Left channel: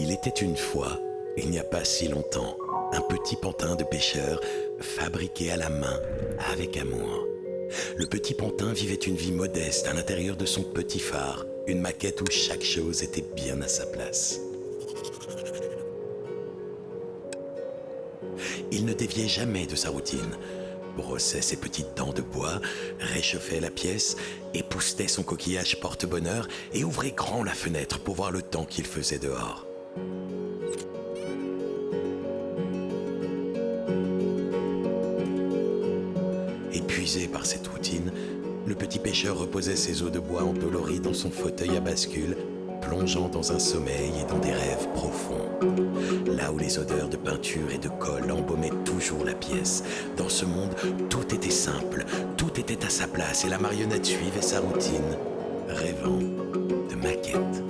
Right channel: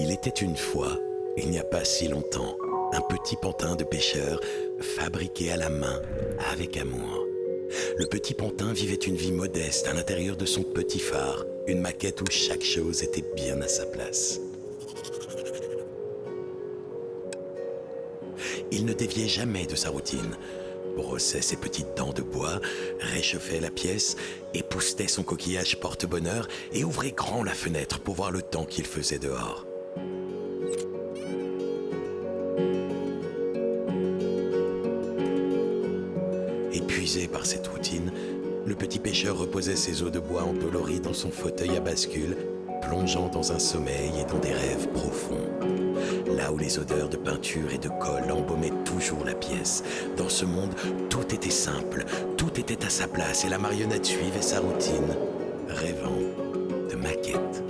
Il était une fois, il n'y a pas si longtemps, un petit pantin de pêcheur fabriqué à la main avec amour. Le petit pantin vivait une vie modeste à l'intérieur de son petit phare, une maquette où chaque chose était bien à sa place. Il ne déviait jamais de sa routine, brossait ses petites dents de bois, réchauffait la pièce, époussetait son coquillage porte-bonheur et ouvrait grand la fenêtre pour voir le temps qu'il faisait dehors. Épuisé par cette routine, le petit pêcheur reposait ses os de bois endoloris dans son fauteuil à bascule, plongeant dans un sommeil et dans des rêves profonds. Là où les odeurs de peinture et de colle embaumaient toujours la pièce. Dans ce monde, tout était simple, tout était à sa place et la marionnette suivait sa routine, rêvant de maquettes.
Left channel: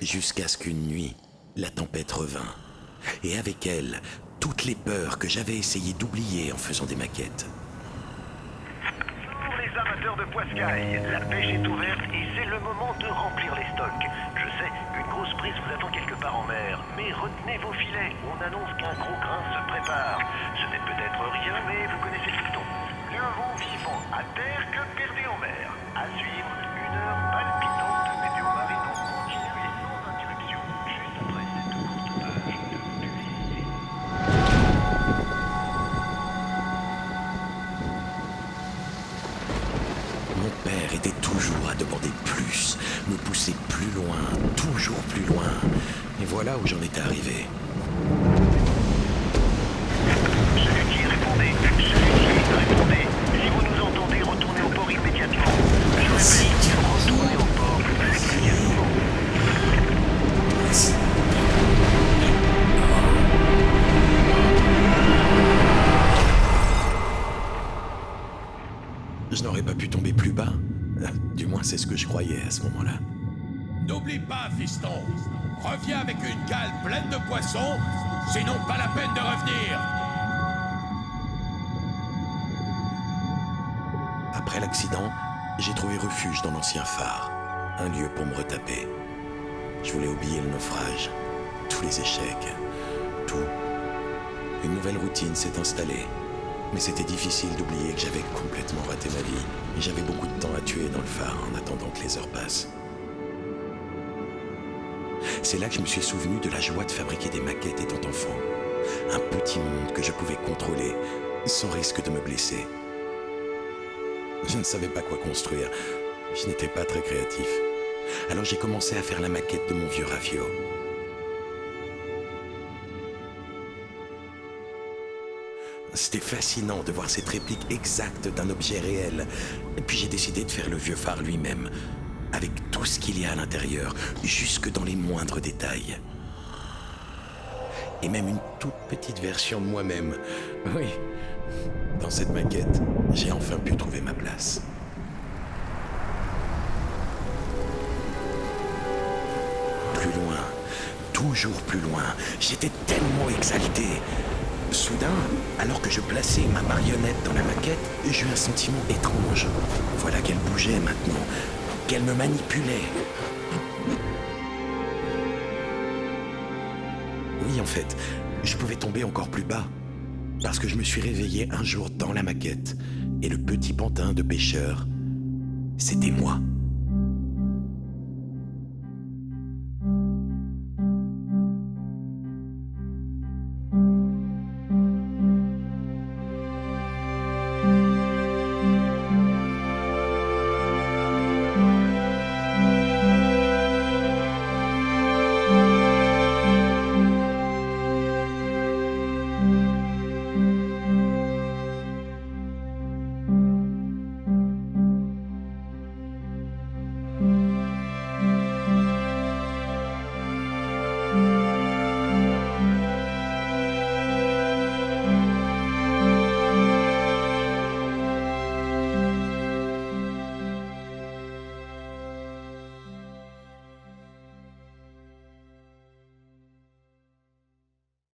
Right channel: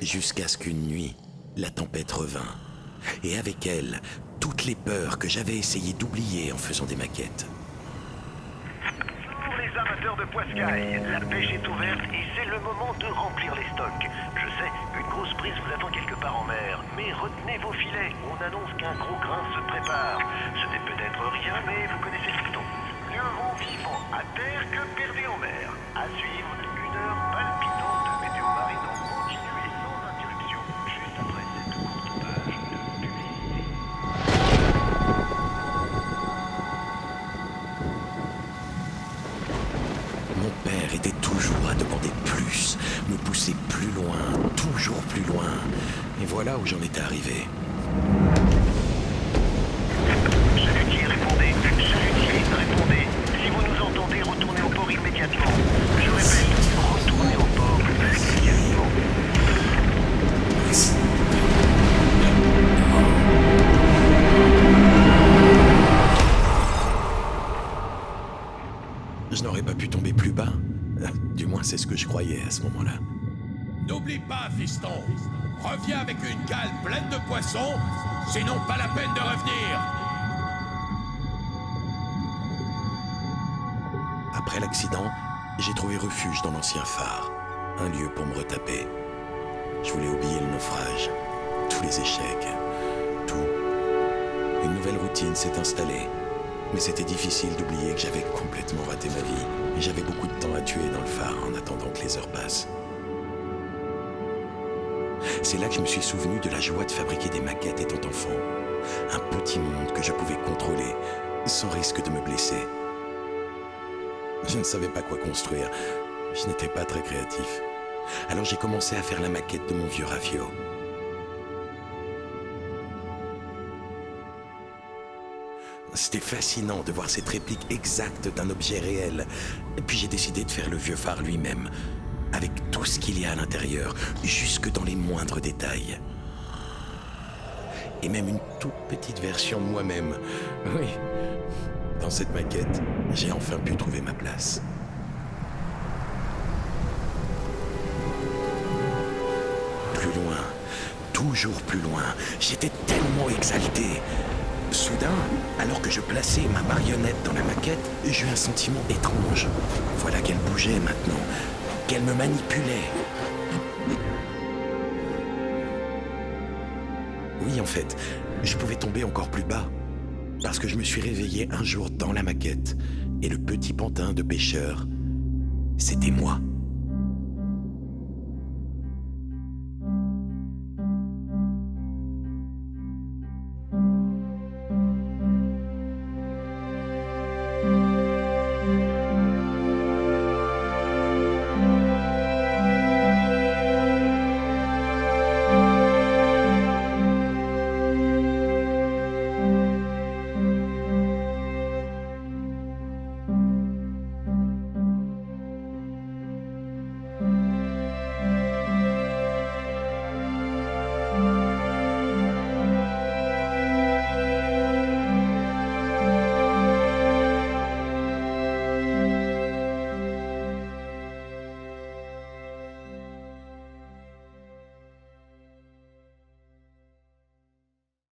Jusqu'à ce qu'une nuit, la tempête revint. Et avec elle, toutes les peurs que j'avais essayé d'oublier en faisant des maquettes. Pour les amateurs de poiscaille, la pêche est ouverte et c'est le moment de remplir les stocks. Je sais, une grosse prise vous attend quelque part en mer, mais retenez vos filets, on annonce qu'un gros grain se prépare. Ce n'est peut-être rien, mais vous connaissez le dicton. Mieux vaut vivant à terre que perdu en mer. À suivre, une heure palpitante de météo marine en continu et sans interruption, juste après cette courte page de publicité. Mon père était toujours à demander plus, me pousser plus loin, toujours plus loin. Et voilà où j'en étais arrivé. Chalutier, répondez. Chalutier, répondez. Si vous nous entendez, retournez au port immédiatement. Je répète, retournez au port immédiatement. Je n'aurais pas pu tomber plus bas. Du moins, c'est ce que je croyais à ce moment-là. N'oublie pas, fiston. Reviens avec une cale pleine de poissons, sinon pas la peine de revenir. Après l'accident, j'ai trouvé refuge dans l'ancien phare. Un lieu pour me retaper. Je voulais oublier le naufrage, tous les échecs, tout. Une nouvelle routine s'est installée. Mais c'était difficile d'oublier que j'avais complètement raté ma vie. Et j'avais beaucoup de temps à tuer dans le phare en attendant que les heures passent. C'est là que je me suis souvenu de la joie de fabriquer des maquettes étant enfant. Un petit monde que je pouvais contrôler, sans risque de me blesser. Je ne savais pas quoi construire. Je n'étais pas très créatif. Alors j'ai commencé à faire la maquette de mon vieux Rafio. C'était fascinant de voir cette réplique exacte d'un objet réel. Et puis j'ai décidé de faire le vieux phare lui-même, avec tout ce qu'il y a à l'intérieur, jusque dans les moindres détails. Et même une toute petite version de moi-même. Oui, dans cette maquette, j'ai enfin pu trouver ma place. Plus loin, toujours plus loin, j'étais tellement exalté. Soudain, alors que je plaçais ma marionnette dans la maquette, j'eus un sentiment étrange. Voilà qu'elle bougeait maintenant, qu'elle me manipulait. Oui, en fait, je pouvais tomber encore plus bas. Parce que je me suis réveillé un jour dans la maquette. Et le petit pantin de pêcheur, c'était moi.